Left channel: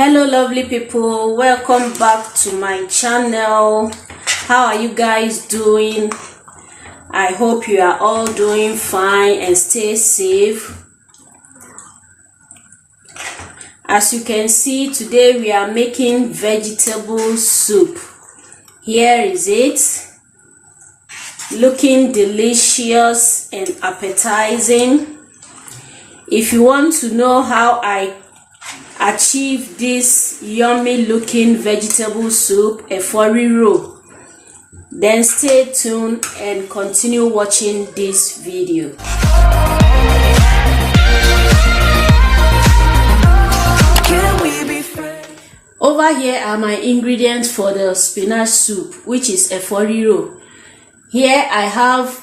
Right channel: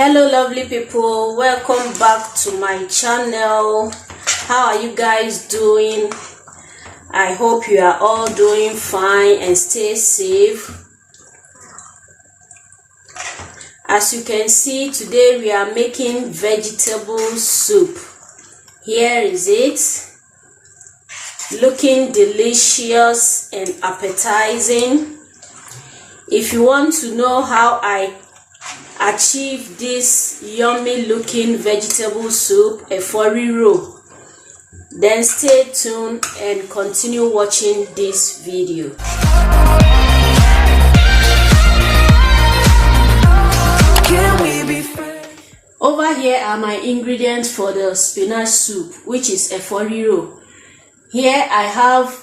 Hello lovely people, welcome back to my channel. How are you guys doing? I hope you are all doing fine and stay safe. As you can see, today we are making vegetable soup. Here is it, looking delicious and appetizing. If you want to know how I achieve this yummy looking vegetable soup, Efo Riro, then stay tuned and continue watching this video. Over here are my ingredients for the spinach soup, which is Efo Riro. Here I have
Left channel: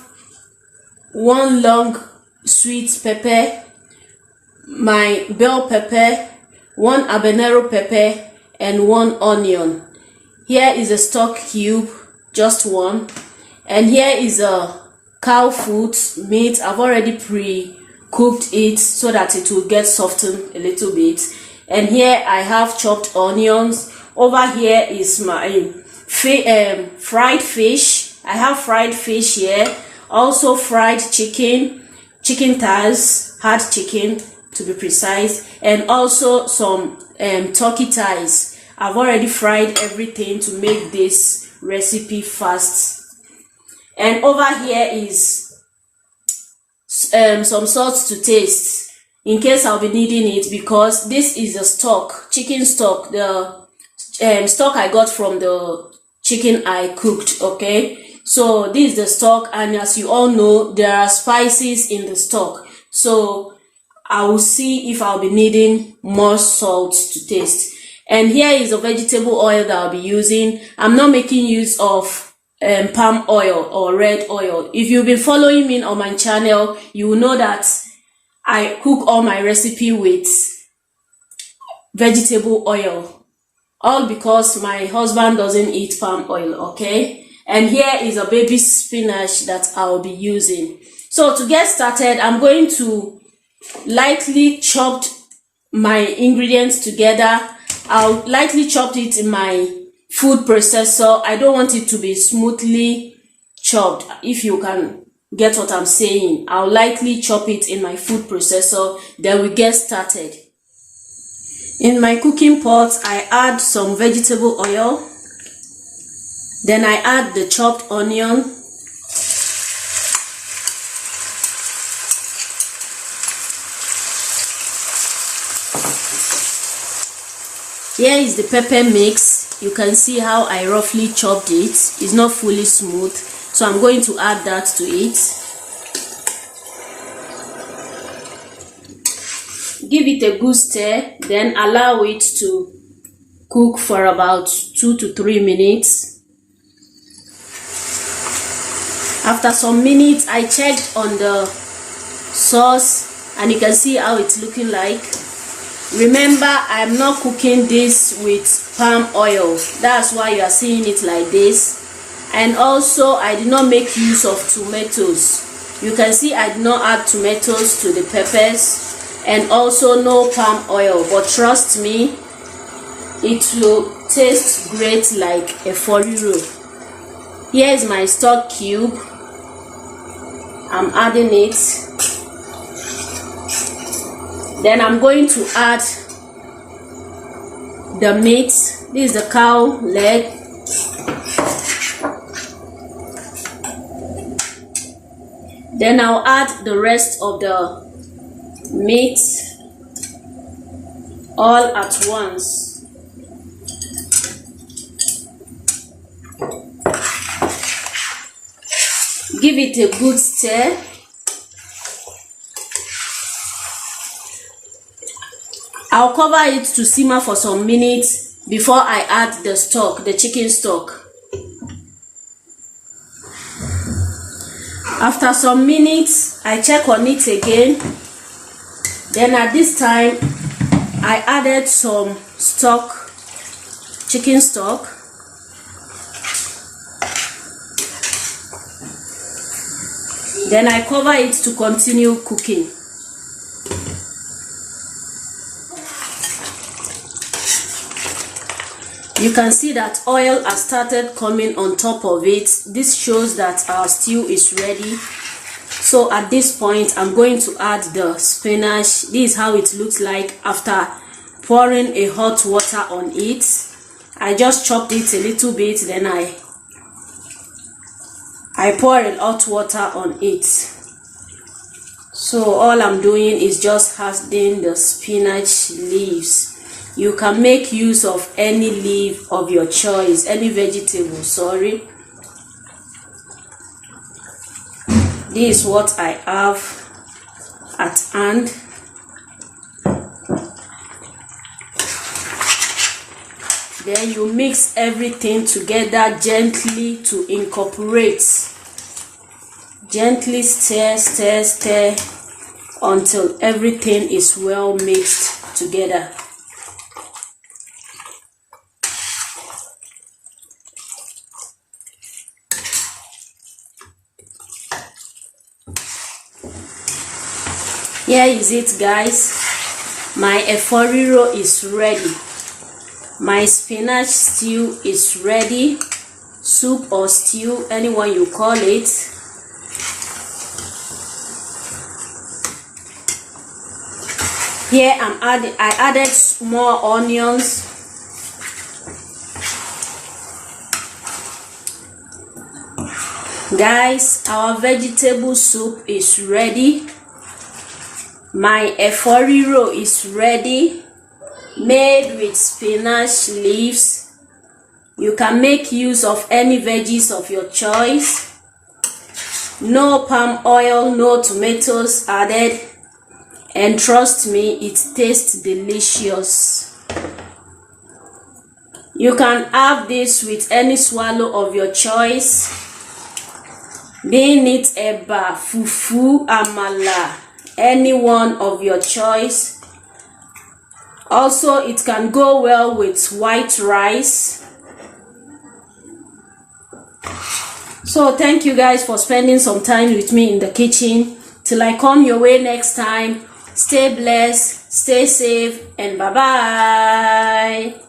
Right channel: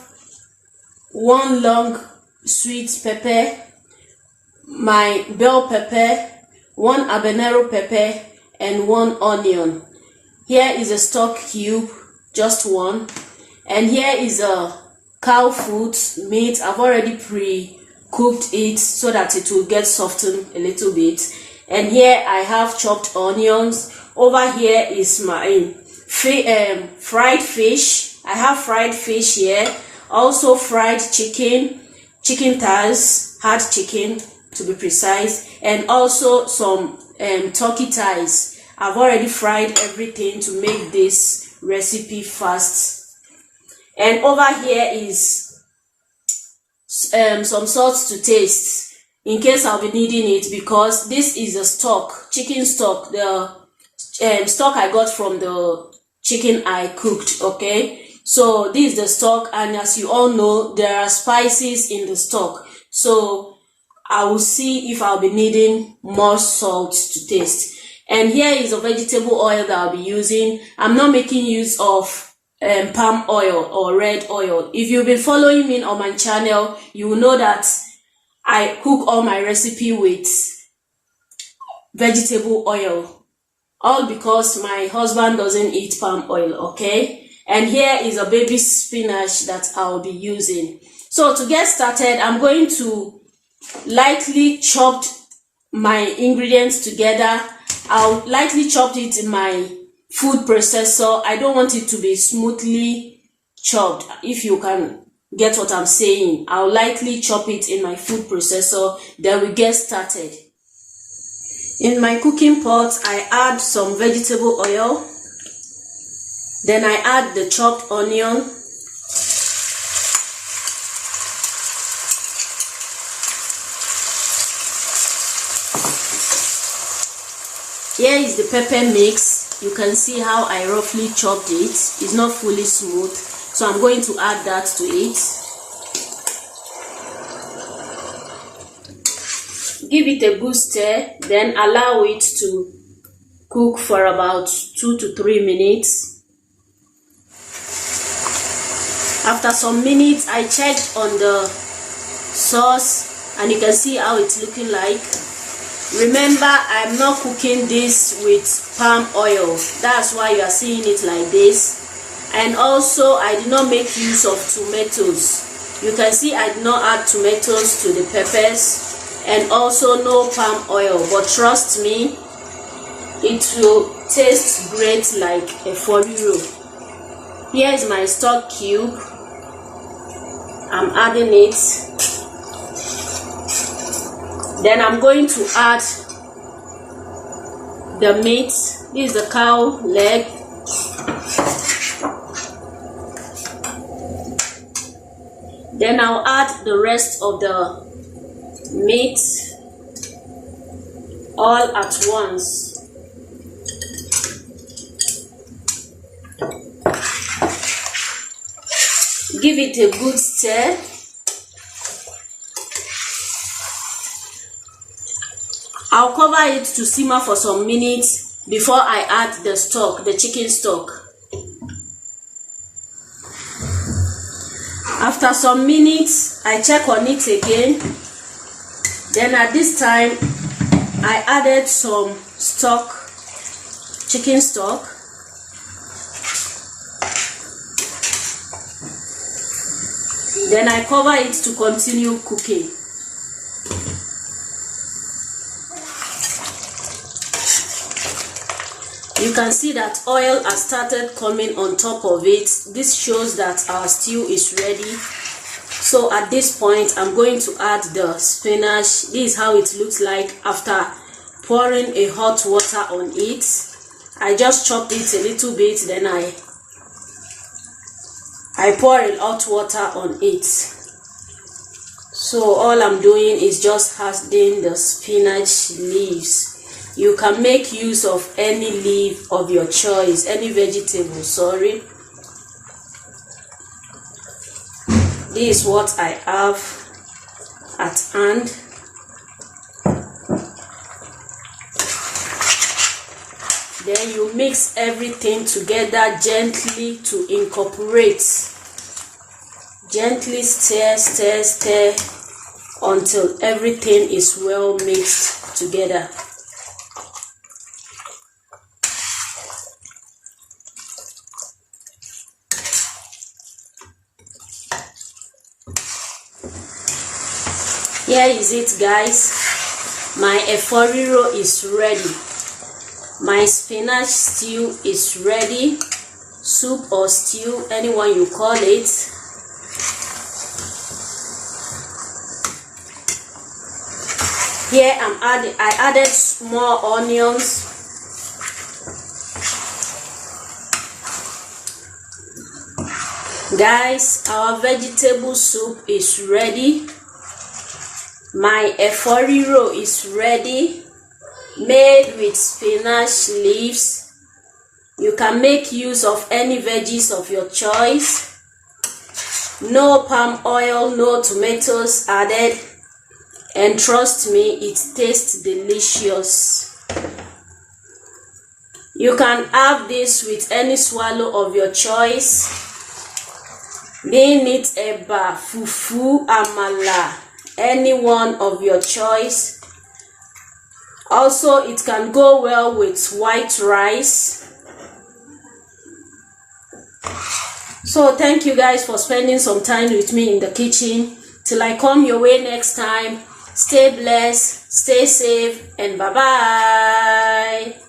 1 long sweet pepper, my bell pepper, 1 habanero pepper, and 1 onion. Here is a stock cube, just 1, and here is a cow foot meat. I've already pre-cooked it so that it will get softened a little bit. And here I have chopped onions. Over here is my fried fish. I have fried fish here, also fried chicken thighs, hard chicken to be precise, and also some turkey thighs. I've already fried everything to make this recipe fast. And over here is some salt to taste, in case I'll be needing it, because this is a stock, chicken stock, the stock I got from the chicken I cooked. Okay, so this is the stock, and as you all know, there are spices in the stock, so I will see if I'll be needing more salt to taste. And here is a vegetable oil that I'll be using. I'm not making use of palm oil or red oil. If you've been following me on my channel, you will know that I cook all my recipe with vegetable oil, all because my husband doesn't eat palm oil. Okay, and here is a baby spinach that I'll be using. So to get started, I'm going to lightly chopped my ingredients together. I'll lightly chop it in my food processor. I don't want it to be smoothly chopped, if you can get what I'm saying. I'll lightly chop it in my food processor, then we get started. In my cooking pot, I add some vegetable oil, then I add the chopped onion, here is the pepper mix. You can see how I roughly chopped it. It's not fully smooth, so I'm going to add that to it. Give it a good stir, then allow it to cook for about 2 to 3 minutes. After some minutes, I checked on the sauce, and you can see how it's looking like. Remember, I'm not cooking this with palm oil. That's why you are seeing it like this. And also, I did not make use of tomatoes. You can see I did not add tomatoes to the peppers, and also no palm oil. But trust me, it will taste great like Efo Riro. Here is my stock cube. I'm adding it. Then I'm going to add the meat. This is the cow leg. Then I'll add the rest of the meat all at once. Give it a good stir. I'll cover it to simmer for some minutes before I add the stock, the chicken stock. After some minutes, I check on it again. Then at this time, I added some stock, chicken stock. Then I cover it to continue cooking. You can see that oil has started coming on top of it. This shows that our stew is ready. So at this point, I'm going to add the spinach. This is how it looks like after pouring a hot water on it. I just chopped it a little bit, then I pour a hot water on it. So all I'm doing is just adding the spinach leaves. You can make use of any leaf of your choice, any vegetable, sorry. This is what I have at hand. Then you mix everything together gently to incorporate. Gently stir, stir, stir until everything is well mixed together. Here is it, guys. My Efo Riro is ready. My spinach stew is ready. Soup or stew, anyone you call it. Here I added more onions. Guys, our vegetable soup is ready. My Efo Riro is ready, made with spinach leaves. You can make use of any veggies of your choice. No palm oil, no tomatoes added, and trust me, it tastes delicious. You can have this with any swallow of your choice, being it eba, fufu, amala, any one of your choice. Also, it can go well with white rice. So thank you guys for spending some time with me in the kitchen. Till I come your way next time, stay blessed, stay safe, and bye bye.